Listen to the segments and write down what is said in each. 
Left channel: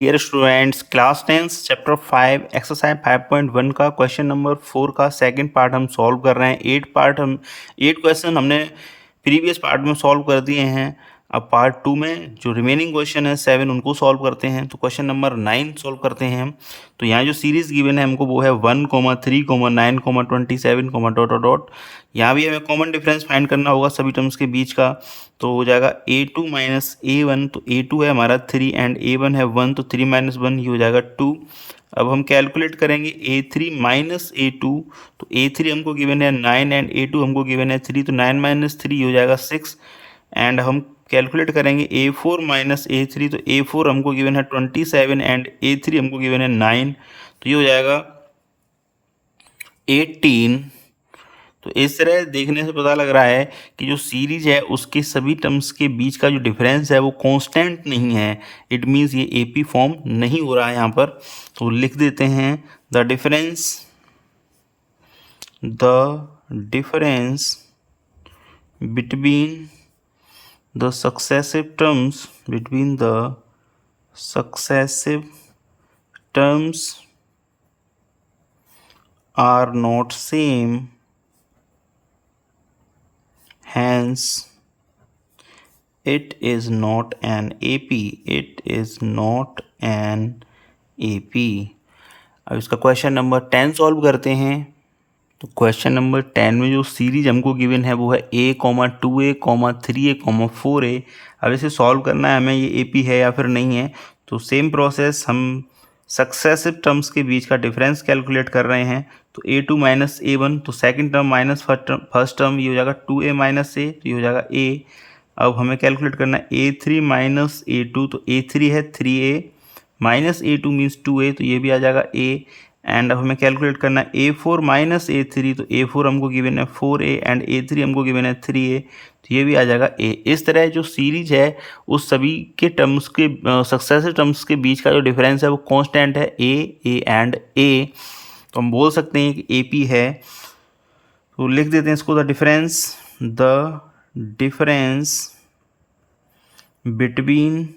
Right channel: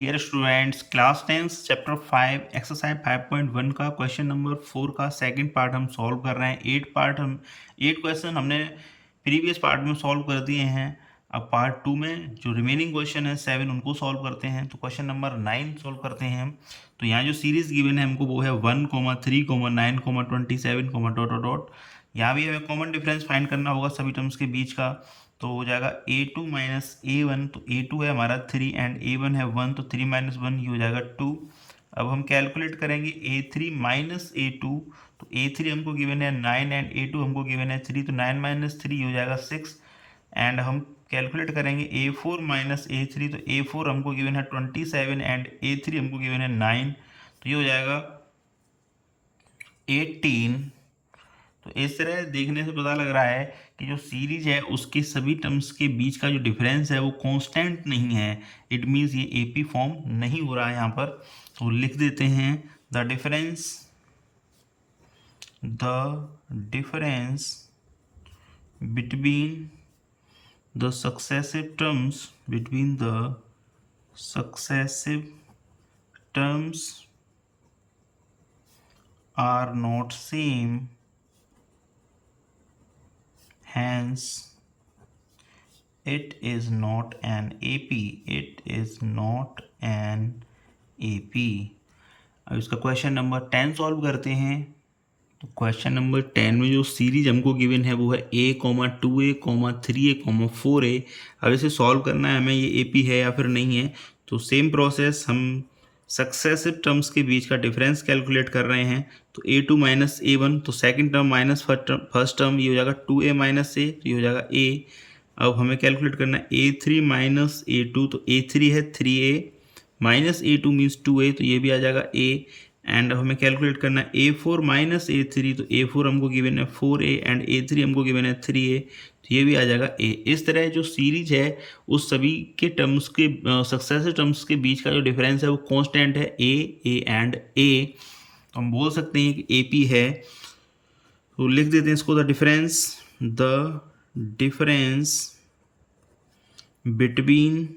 Dear students, class 10 chapter 5 exercise 5.1 का question number 4 का second part हम सॉल्व कर रहे हैं। 8 क्वेश्चन हमने प्रीवियस पार्ट में सॉल्व कर दिए हैं। अब पार्ट 2 में जो रिमेनिंग क्वेश्चन है 7 उनको सॉल्व करते हैं। तो क्वेश्चन नंबर 9 सॉल्व करते हैं हम। तो यहाँ जो सीरीज गिवन है हमको वो है 1, 3, 9, 27, डॉट डॉट डॉट। यहाँ भी हमें कॉमन डिफरेंस फाइंड करना होगा सभी टर्म्स के बीच का। तो हो जाएगा A2 माइनस A1, तो A2 है हमारा 3 एंड A1 है 1, तो 3 माइनस 1 ये हो जाएगा 2। अब हम कैलकुलेट करेंगे A3 माइनस A2, तो A3 हमको गिवन है 9 एंड A2 हमको गिवन है 3, तो 9 माइनस 3 हो जाएगा 6। एंड हम कैलकुलेट करेंगे A4 माइनस A3, तो A4 हमको गिवन है 27 एंड A3 हमको गिवन है 9, तो ये हो जाएगा 18। तो इस तरह देखने से पता लग रहा है कि जो सीरीज है उसके सभी टर्म्स के बीच का जो डिफरेंस है वो कांस्टेंट नहीं है। इट मीन्स ये एपी फॉर्म नहीं हो रहा है यहाँ पर। तो लिख देते हैं the difference between the successive terms are not same, hence it is not an AP. अब इसका क्वेश्चन नंबर 10 सॉल्व करते हैं। तो क्वेश्चन नंबर 10 में जो सीरीज हमको गिवन है वो है A, 2A, 3A, 4A। अब इसे सॉल्व करना है हमें, ये AP है या फिर नहीं है। तो सेम प्रोसेस, हम सक्सेसिव टर्म्स के बीच का डिफरेंस कैलकुलेट कर रहे हैं। तो A2 माइनस A1, तो second term minus first term, ये हो जाएगा 2A माइनस A, तो ये हो जाएगा A। अब हमें कैलकुलेट करना है A3 माइनस A2, तो A3 है 3A minus A2 means 2A, तो ये भी आ जाएगा A। एंड अब हमें कैलकुलेट करना है A4 माइनस A3, तो A4 हमको गिवन है 4A एंड A3 हमको गिवन है 3A, तो ये भी आ जाएगा A। इस तरह जो सीरीज है उस सभी के टर्म्स के सक्सेसिव टर्म्स के बीच का जो डिफरेंस है वो कांस्टेंट है A एंड A। तो हम बोल सकते हैं कि AP है। तो लिख देते हैं इसको, the difference between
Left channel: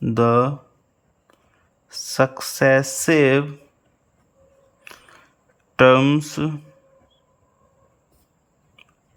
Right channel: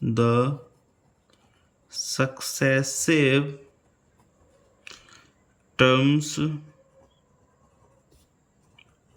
the successive terms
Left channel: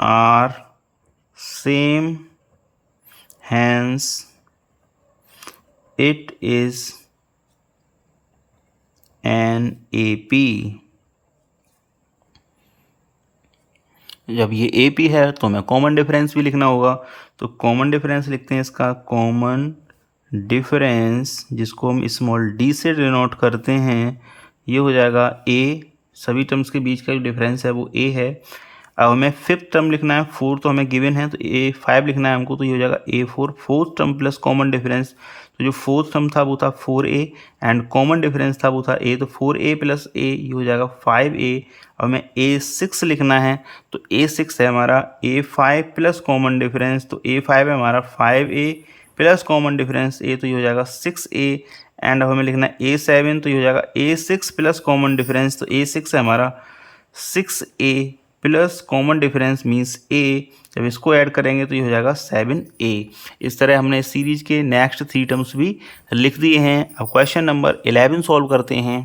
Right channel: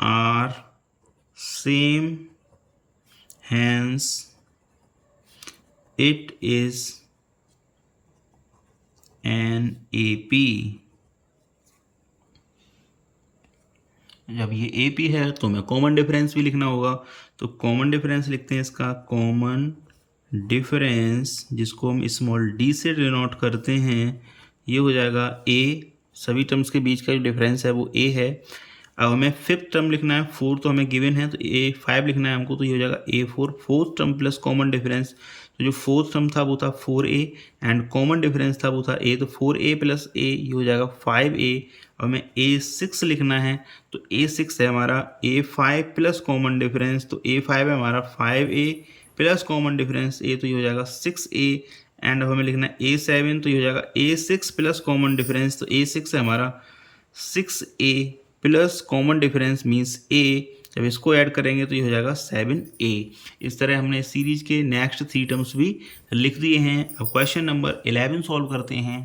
are same, hence it is an AP। जब ये AP है तो हमें कॉमन डिफरेंस भी लिखना होगा। तो कॉमन डिफरेंस लिखते हैं इसका, कॉमन डिफरेंस जिसको हम स्मॉल d से डिनोट करते हैं, ये हो जाएगा A। सभी टर्म्स के बीच का जो डिफरेंस है वो A है। अब हमें फिफ्थ टर्म लिखना है, 4 तो हमें गिवन है, तो A5 लिखना है हमको, तो ये हो जाएगा A4। Fourth term plus common difference, तो जो फोर्थ टर्म था वो था 4A एंड कॉमन डिफरेंस था वो था A, तो 4A प्लस A ये हो जाएगा 5A। अब हमें A6 लिखना है, तो A6 है हमारा A5 प्लस कॉमन डिफरेंस, तो A5 है हमारा 5A plus common difference A, तो ये हो जाएगा 6A। एंड अब हमें लिखना है A7, तो ये हो जाएगा A6 प्लस कॉमन डिफरेंस, तो A6 है हमारा 6A plus common difference means A। जब इसको ऐड करेंगे तो ये हो जाएगा 7A। इस तरह हमने सीरीज के नेक्स्ट 3 टर्म्स भी लिख दिए हैं। अब क्वेश्चन नंबर 11 सॉल्व करते हैं।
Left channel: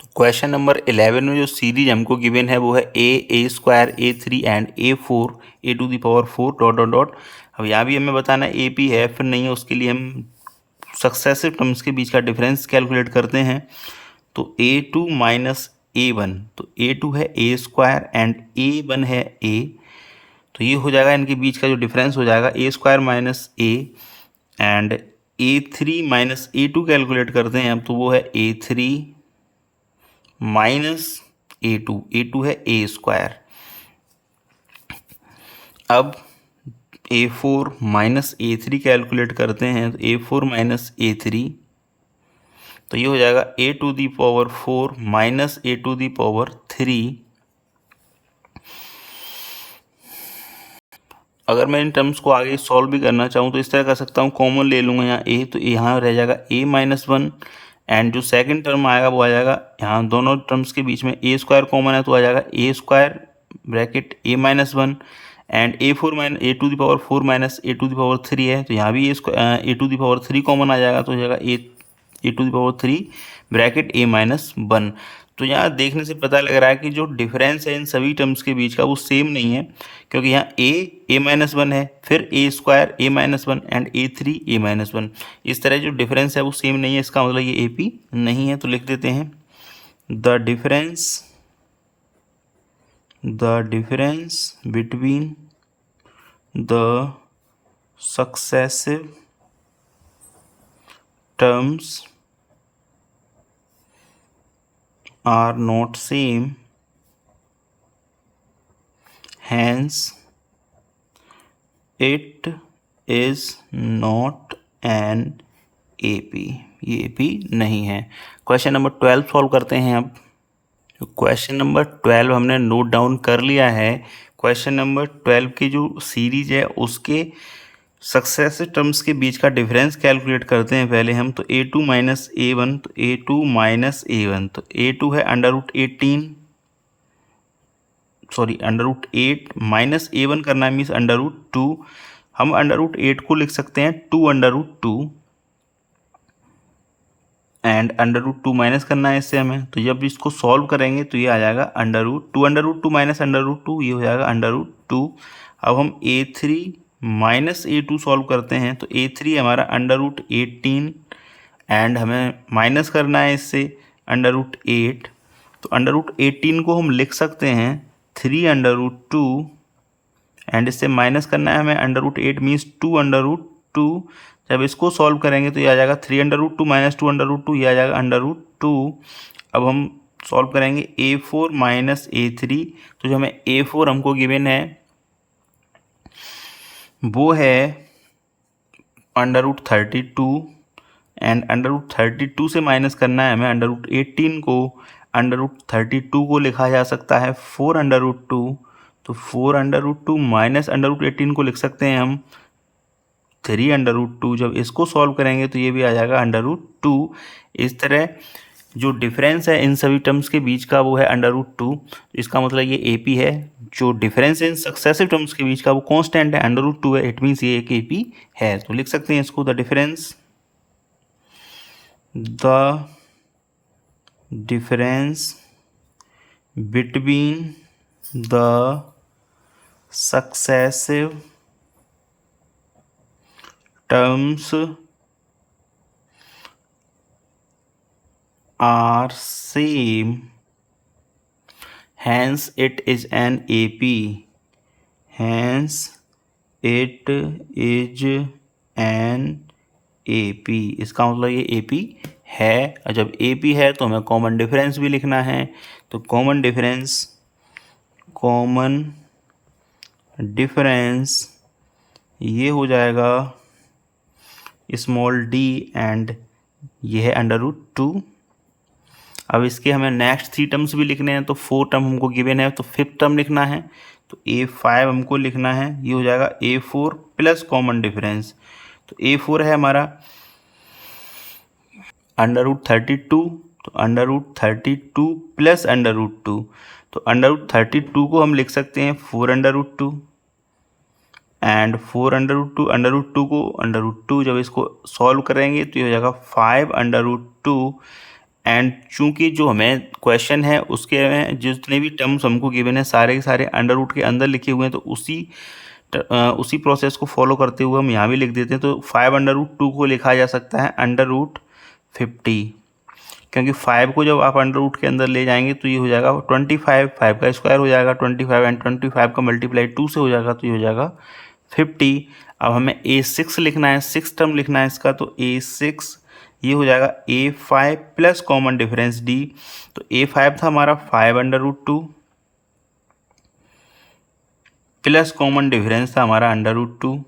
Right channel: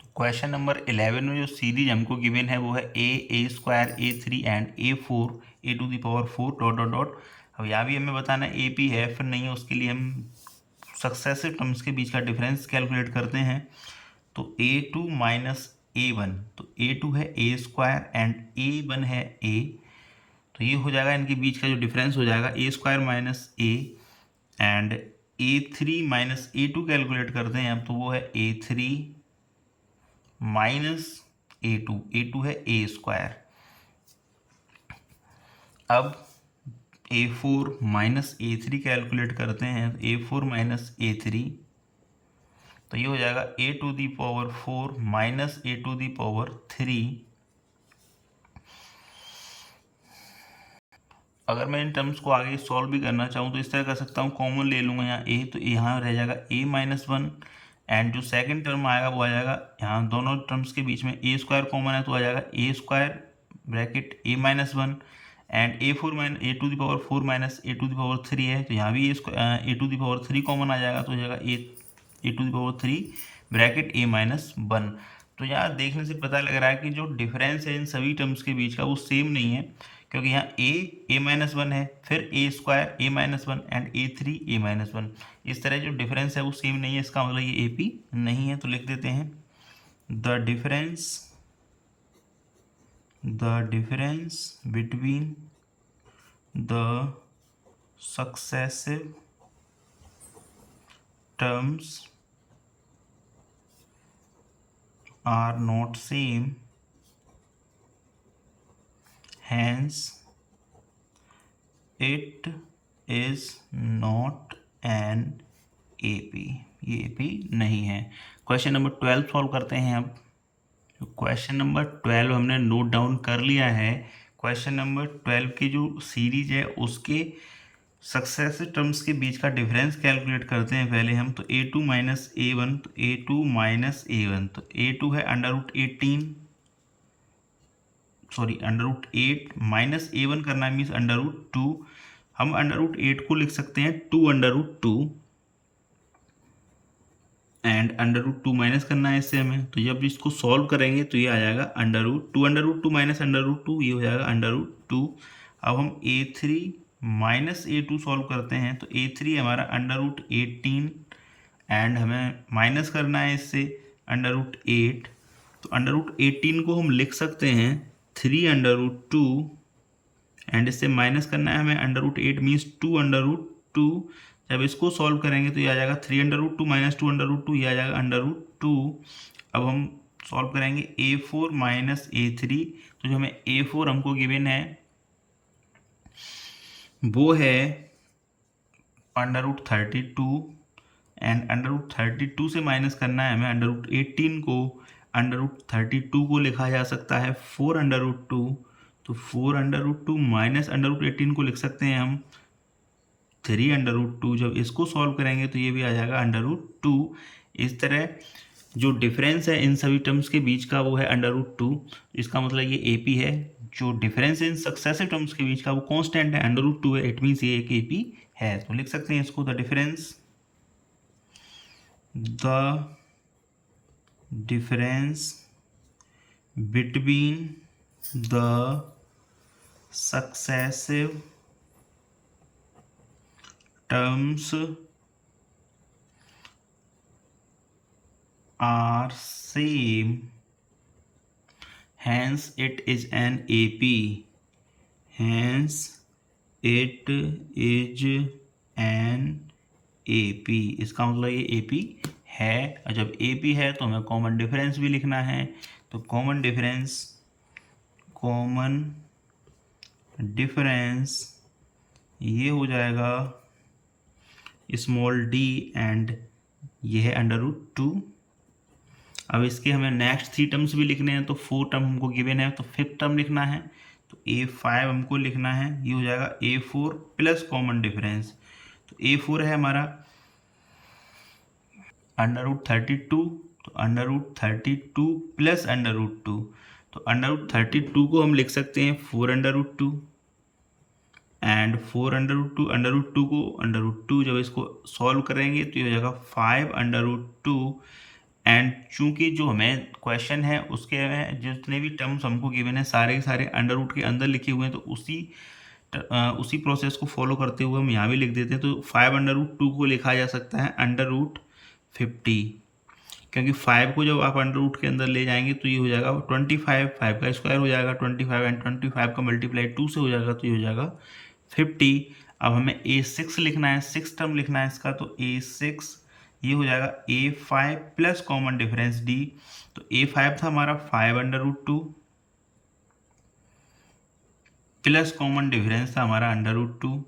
तो क्वेश्चन नंबर 11 में जो सीरीज हमको गिवन है वो है A square A3 and A4 A⁴ dot dot dot. अब यहाँ भी हमें बताना है AP है फिर नहीं है, उसके लिए हम सक्सेसिव टर्म्स के बीच का डिफरेंस कैलकुलेट करते हैं। तो A2 माइनस A1, तो A2 है A स्क्वायर एंड A1 है A, तो ये हो जाएगा इनके बीच का जो डिफरेंस हो जाएगा A square minus A। And A3 minus A2 calculate करते हैं अब, तो वो है A3 माइनस A2 है A स्क्वायर। अब A4 माइनस A3 कैलकुलेट करते हैं, तो A4 माइनस A3, तो ये हो जाएगा A⁴ माइनस A⁴। अगर मैं इन टर्म्स को आगे सॉल्व भी करना चाहूँ तो इस तरह कर सकता हूँ, कॉमन ले लूँगा यहाँ A, तो यहाँ रह जाएगा A-1 एंड जो सेकंड टर्म आएगा वो आ जाएगा, यहाँ दोनों टर्म्स के बीच में A स्क्वायर कॉमन है तो आ जाएगा A square bracket A-1 and A4 minus A⁴ है, तो यहाँ भी A⁴ कॉमन आ जाएगा, तो हो जाएगा a⁴ ब्रैकेट a-1। तो यहाँ देखने से पता लग रहा है कि जो डिफरेंस है इन सभी टर्म्स के बीच का वो सेम नहीं है, क्योंकि यहाँ a-1 है, फिर a² a-1 and a3 a-1। इस तरह जो डिफरेंस है वो सेम नहीं है, इसका मतलब ये AP नहीं है। तो लिख देते हैं the difference between the successive terms are not same, hence it is not an AP। ये AP नहीं है। क्वेश्चन नंबर 12 सॉल्व करते हैं अब। क्वेश्चन नंबर 12 हमने नोट डाउन कर लिया है। क्वेश्चन नंबर 12 की जो सीरीज है उसके सक्सेसिव टर्म्स के बीच का डिफरेंस कैलकुलेट करते हैं पहले हम। तो a2 माइनस a1, तो a2 माइनस a1, तो a2 है √18, सॉरी √8 माइनस a1 करना है मीन्स √2। हम √8 को लिख सकते हैं 2√2 एंड √2 माइनस करना है इससे हमें। तो जब इसको सॉल्व करेंगे तो ये आ जाएगा √2 माइनस √2, ये हो जाएगा √2। अब हम a3 माइनस a2 सॉल्व करते हैं, तो a3 हमारा √18 एंड हमें माइनस करना है इससे √8। तो √18 को हम लिख सकते हैं 3√2 एंड इससे माइनस करना है हमें √8 मीन्स 2√2। जब इसको सॉल्व करेंगे तो ये आ जाएगा 3√2 माइनस 2√2, ये आ जाएगा √2। अब हम सॉल्व करेंगे a4 माइनस a3, तो जो हमें a4 हमको गिवन है वो है √32 एंड √32 से माइनस करना है हमें √18 को। √32 को लिखा जा सकता है 4√2, तो 4√2 माइनस √18 को लिख सकते हैं हम 3√2। जब इसको सॉल्व करेंगे तो ये भी आ जाएगा √2। इस तरह जो डिफरेंस है इन सभी टर्म्स के बीच का वो है √2। इसका मतलब ये AP है। जो डिफरेंस इन सक्सेसिव टर्म्स के बीच का वो कांस्टेंट है, √2 है, इट मीन्स ये एक AP है। तो लिख सकते हैं इसको the difference between the successive terms are same, hence it is an AP, hence it is an AP। इसका मतलब ये AP है। और जब AP है तो हमें कॉमन डिफरेंस भी लिखना है। तो कॉमन डिफरेंस ये हो जाएगा स्मॉल d एंड ये है √2। अब इसके हमें नेक्स्ट 3 टर्म्स भी लिखने हैं। तो 4 टर्म हमको गिवन है, तो 5th टर्म लिखना है, तो a5 हमको लिखना है। ये हो जाएगा a4 प्लस कॉमन डिफरेंस। तो a4 है हमारा √32, तो √32 प्लस √2, तो √32 को हम लिख सकते हैं 4√2 एंड 4√2 को √2 जब इसको सॉल्व करेंगे तो ये हो जाएगा 5√2। एंड चूंकि जो हमें क्वेश्चन है उसके में जितने भी टर्म्स हमको गिवन है सारे के सारे √ के अंदर लिखे हुए हैं, तो उसी प्रोसेस को फॉलो करते हुए हम यहाँ भी लिख देते हैं। तो 5√2 को लिखा जा सकता है √50, क्योंकि 5 को जब आप √ के अंदर ले जाएंगे तो ये हो जाएगा 25, 5 का स्क्वायर हो जाएगा 25 एंड 25 का मल्टीप्लाई 2 से हो जाएगा, तो ये हो जाएगा 50। अब हमें a6 लिखना है, 6 टर्म लिखना है इसका, तो a6 ये हो जाएगा a5 plus common difference d। तो a5 था हमारा 5√2 प्लस कॉमन डिफरेंस था हमारा √2।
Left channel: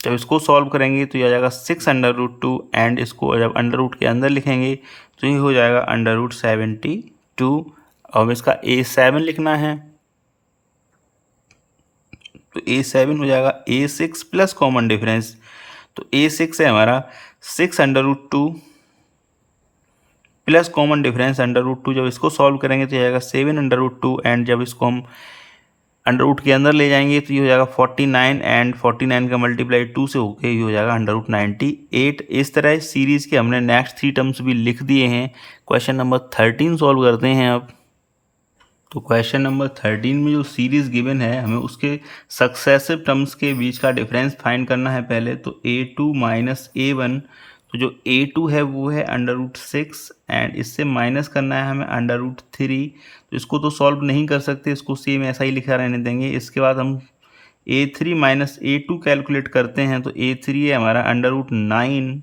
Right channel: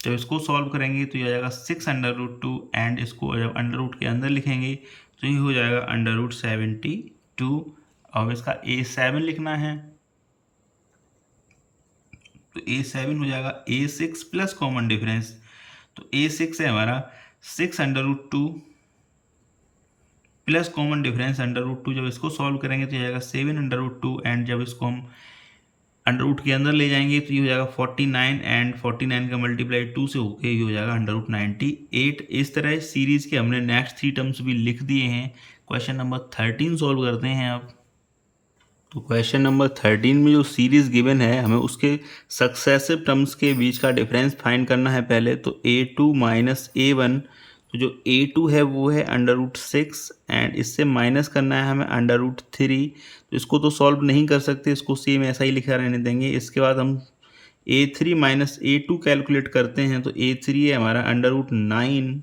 जब इसको सॉल्व करेंगे तो ये आ जाएगा 6√2 एंड इसको जब √ के अंदर लिखेंगे तो ये हो जाएगा √72। अब इसका a7 लिखना है, तो a7 हो जाएगा a6 प्लस कॉमन डिफरेंस। तो a6 है हमारा 6√2 प्लस कॉमन डिफरेंस √2। जब इसको सॉल्व करेंगे तो जाएगा 7√2 एंड जब इसको हम अंडर रूट के अंदर ले जाएंगे तो ये हो जाएगा 49 एंड 49 का मल्टीप्लाई 2 से होके ये हो जाएगा अंडर रूट 98। इस तरह इस सीरीज के हमने नेक्स्ट 3 टर्म्स भी लिख दिए हैं। क्वेश्चन नंबर 13 सॉल्व करते हैं अब। तो क्वेश्चन नंबर 13 में जो सीरीज गिवन है हमें उसके सक्सेसिव टर्म्स के बीच का डिफरेंस फाइंड करना है पहले। तो a2 माइनस a1, तो जो a2 है वो है अंडर रूट 6 एंड इससे माइनस करना है हमें अंडर रूट 3। तो इसको तो सॉल्व नहीं कर सकते, इसको सेम ऐसा ही लिखा रहने देंगे। इसके बाद हम a3 माइनस a2 कैलकुलेट करते हैं। तो a3 है हमारा अंडर रूट 9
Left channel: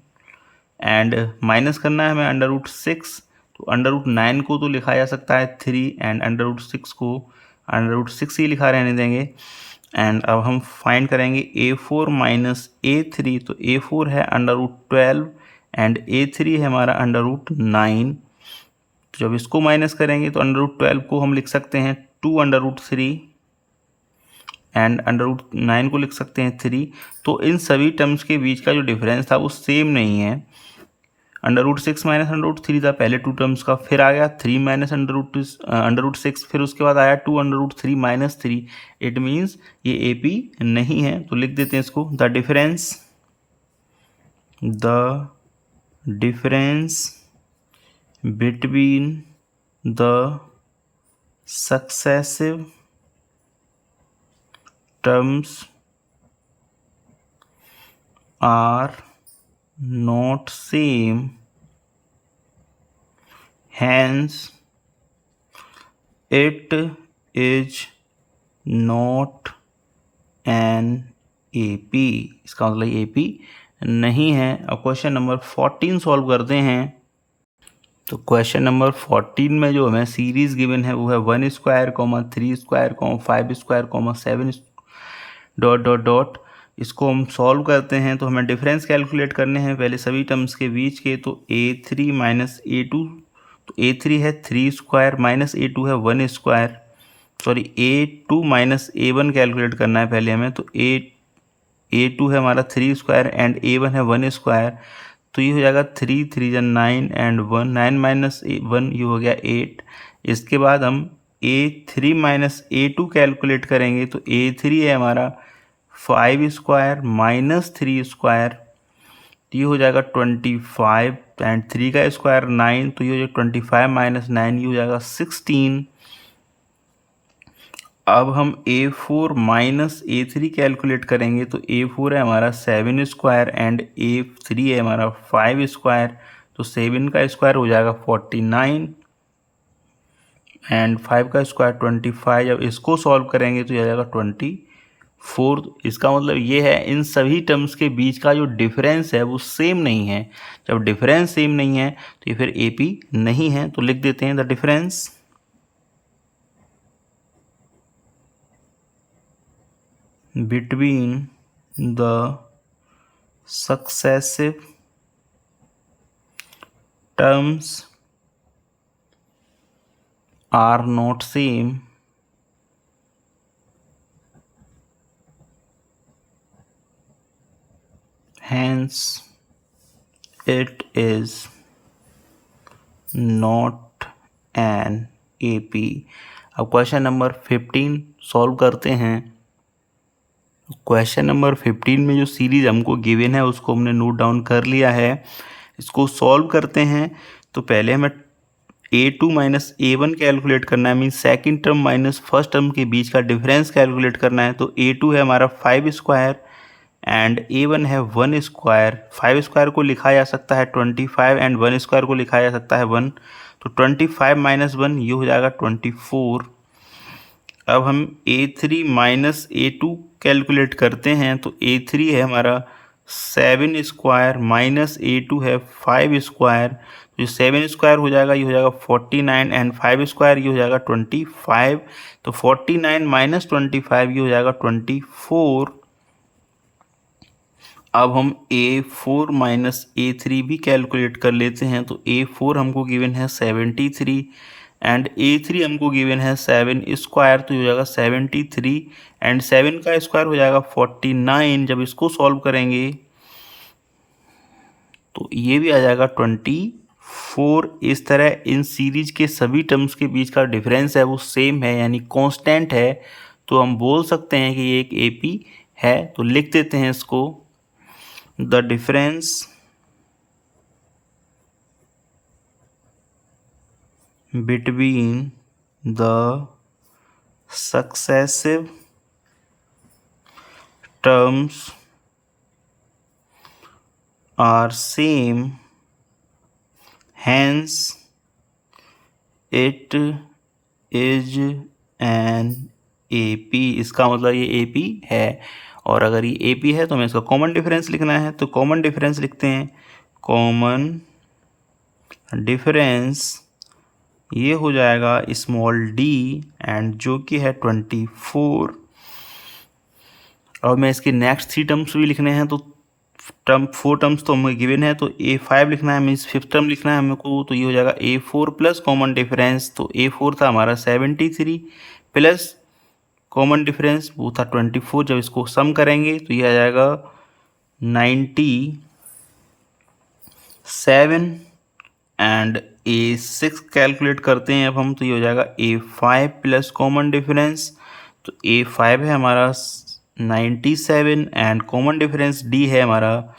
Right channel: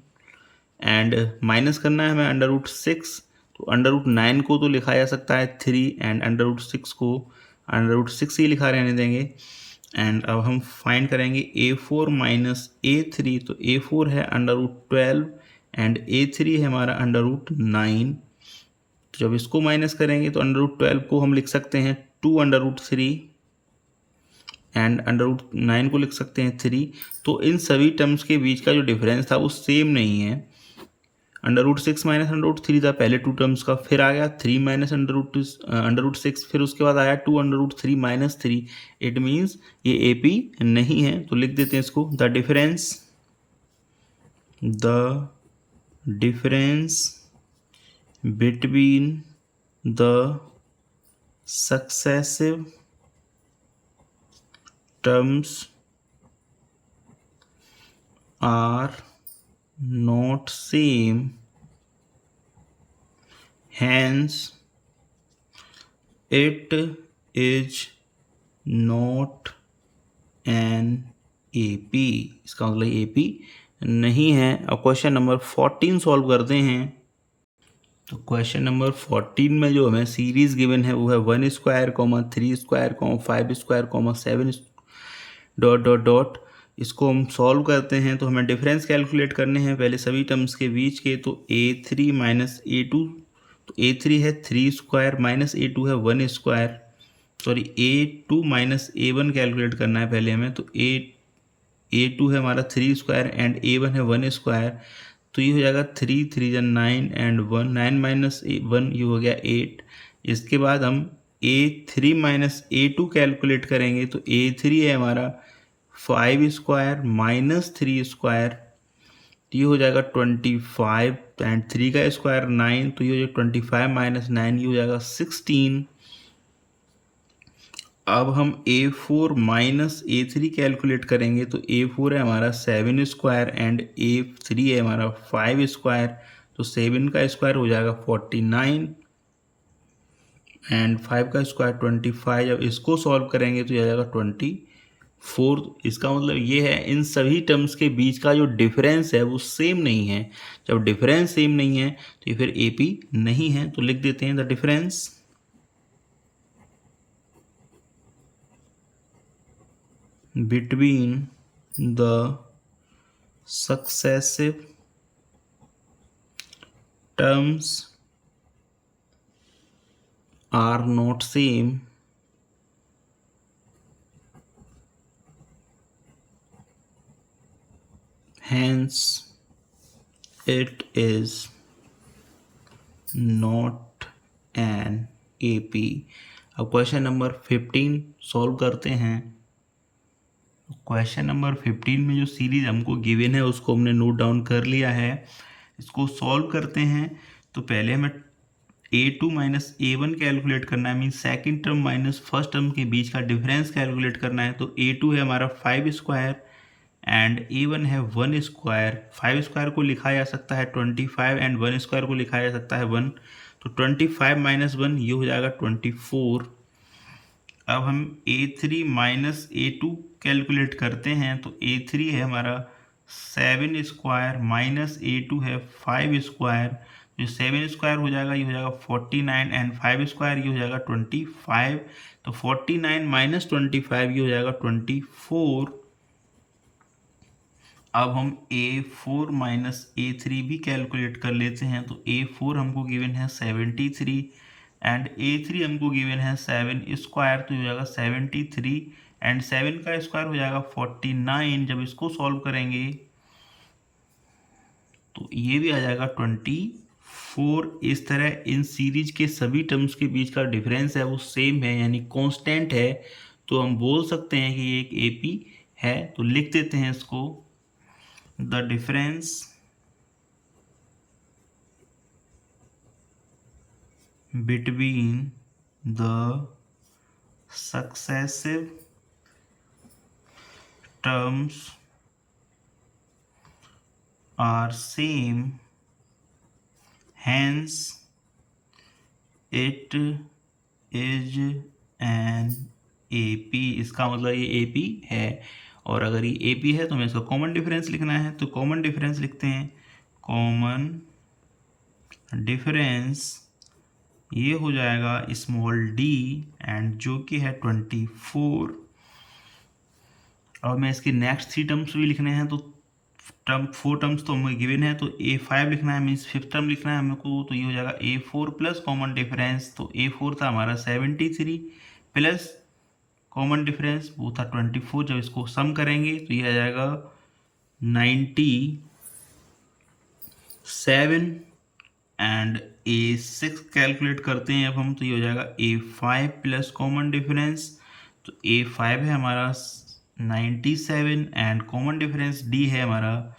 एंड माइनस करना है हमें अंडर रूट 6। तो अंडर रूट 9 को तो लिखा जा सकता है 3 एंड अंडर रूट 6 को अंडर रूट 6 ही लिखा रहने देंगे। एंड अब हम फाइंड करेंगे a4 माइनस a3। तो a4 है अंडर रूट 12 एंड a3 है हमारा अंडर रूट 9। तो जब इसको माइनस करेंगे तो अंडर रूट 12 को हम लिख सकते हैं 2 under root 3 and under root 9 को लिख सकते हैं 3। तो इन सभी टर्म्स के बीच का जो डिफरेंस था वो सेम नहीं है। Under root 6 minus under root 3 था पहले 2 टर्म्स का, फिर आ गया 3 माइनस अंडर रूट 6, फिर उसके बाद आया 2 under root 3 minus 3। It means ये AP नहीं है। तो लिख देते हैं इसको the difference between the successive terms are not same, hence it is not an AP। इसका मतलब AP नहीं है। अब क्वेश्चन नंबर 14 सॉल्व करते हैं। तो क्वेश्चन नंबर 14 में जो हमें सीरीज गिवन है वो है 1 square 3 square 5 square 7 dot dot dot. इसको हम सॉल्व करते हैं तो हमें डिफरेंस कैलकुलेट करने हैं पहले सभी टर्म्स के बीच के। तो a3 माइनस a2, तो a3 है 3 स्क्वायर माइनस a2 है 1 square, sorry a2 minus a1 calculate करना है पहले हमें। तो a2 है हमारा 3 स्क्वायर एंड a1 है 1 स्क्वायर। तो ये हो जाएगा 3 3 जा 9 एंड 1, 9 माइनस 1 ये हो गया 8। इसके बाद हम a3 माइनस a2 कैलकुलेट करेंगे। तो a3 है हमारा 5 स्क्वायर माइनस 3 स्क्वायर, ये हो जाएगा 25 एंड 3 का स्क्वायर 9, तो ये हो जाएगा 25 माइनस 9 ये हो जाएगा 16। अब हम a4 माइनस a3 कैलकुलेट करेंगे। तो a4 है हमारा 7 स्क्वायर एंड a3 है हमारा 5 स्क्वायर, तो 7 का स्क्वायर हो जाएगा 49 एंड 5 का स्क्वायर 25। जब इसको सॉल्व करेंगे तो ये आ जाएगा 24। इसका मतलब ये है इन सभी टर्म्स के बीच का जो डिफरेंस है वो सेम नहीं है। जब डिफरेंस सेम नहीं है तो ये फिर AP नहीं है। तो लिख देते हैं the difference between the successive terms are not same, hence it is not an AP। अब क्वेश्चन नंबर 15 सॉल्व करते हैं। क्वेश्चन नंबर 15 में जो सीरीज हमको गिवन है उसको हमने नोट डाउन कर लिया है। इसको सॉल्व करते हैं तो पहले हमें a2 माइनस a1 कैलकुलेट करना है, mean second term minus first term के बीच का डिफरेंस कैलकुलेट करना है। तो a2 है हमारा 5 स्क्वायर एंड a1 है 1 स्क्वायर। 5 स्क्वायर को लिखा जा सकता है 25 एंड 1 स्क्वायर को लिखा जा सकता है 1। तो 25 माइनस 1 ये हो जाएगा 24। अब हम a3 माइनस a2 कैलकुलेट करते हैं। तो a3 है हमारा 7 स्क्वायर माइनस a2 है 5 स्क्वायर, तो 7 स्क्वायर हो जाएगा ये हो जाएगा 49 एंड 5 स्क्वायर ये हो जाएगा 25। तो 49 माइनस 25 ये हो जाएगा 24। अब हम a4 माइनस a3 भी कैलकुलेट कर लेते हैं। तो a4 हमको गिवन है 73 एंड a3 हमको गिवन है 7 स्क्वायर, तो हो जाएगा 73 एंड 7 का स्क्वायर हो जाएगा 49। जब इसको सॉल्व करेंगे तो ये भी आ जाएगा 24। इस तरह इन सीरीज के सभी टर्म्स के बीच का डिफरेंस है वो सेम है यानी कांस्टेंट है। तो हम बोल सकते हैं कि ये एक AP है। तो लिख देते हैं इसको, the difference between the successive terms are same, hence it is an AP। इसका मतलब ये AP है, और अगर ये AP है तो हमें इसका कॉमन डिफरेंस लिखना है। तो कॉमन डिफरेंस लिखते हैं, कॉमन डिफरेंस ये हो जाएगा स्मॉल d एंड जो कि है 24। और मैं इसके नेक्स्ट 3 टर्म्स भी लिखने हैं। तो 4 टर्म्स तो हमें गिवन है, तो A5 लिखना है, मीन्स 5th टर्म लिखना है हमको। तो ये हो जाएगा A4 प्लस कॉमन डिफरेंस। तो A4 था हमारा 73 प्लस कॉमन डिफरेंस वो था 24। जब इसको सम करेंगे तो ये आ जाएगा 97 एंड A6 कैलकुलेट करते हैं अब हम। तो ये हो जाएगा A5 प्लस कॉमन डिफरेंस। तो A5 है हमारा 97 एंड कॉमन डिफरेंस D है हमारा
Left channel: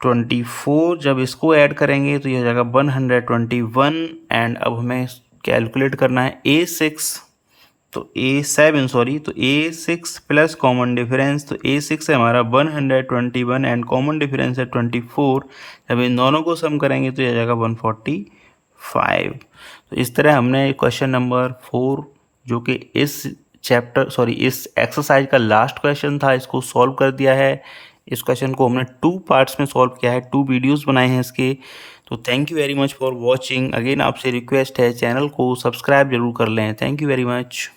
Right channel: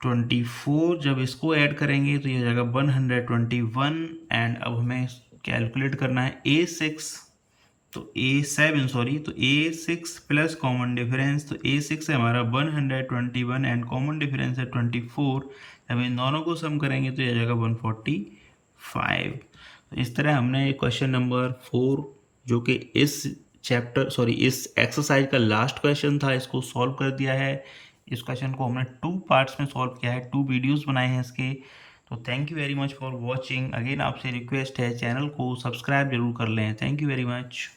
24। जब इसको ऐड करेंगे तो ये हो जाएगा 121 एंड अब हमें कैलकुलेट करना है A6 तो A6 प्लस कॉमन डिफरेंस। तो A6 है हमारा 121 एंड कॉमन डिफरेंस है 24। जब इन दोनों को सम करेंगे तो ये आ जाएगा 145। तो इस तरह हमने क्वेश्चन नंबर 4 जो कि इस इस एक्सरसाइज का लास्ट क्वेश्चन था, इसको सॉल्व कर दिया है। इस क्वेश्चन को हमने 2 पार्ट्स में सॉल्व किया है, 2 वीडियोस बनाए हैं इसके। तो thank you very much for watching. Again आपसे रिक्वेस्ट है, चैनल को सब्सक्राइब जरूर कर लें। Thank you very much.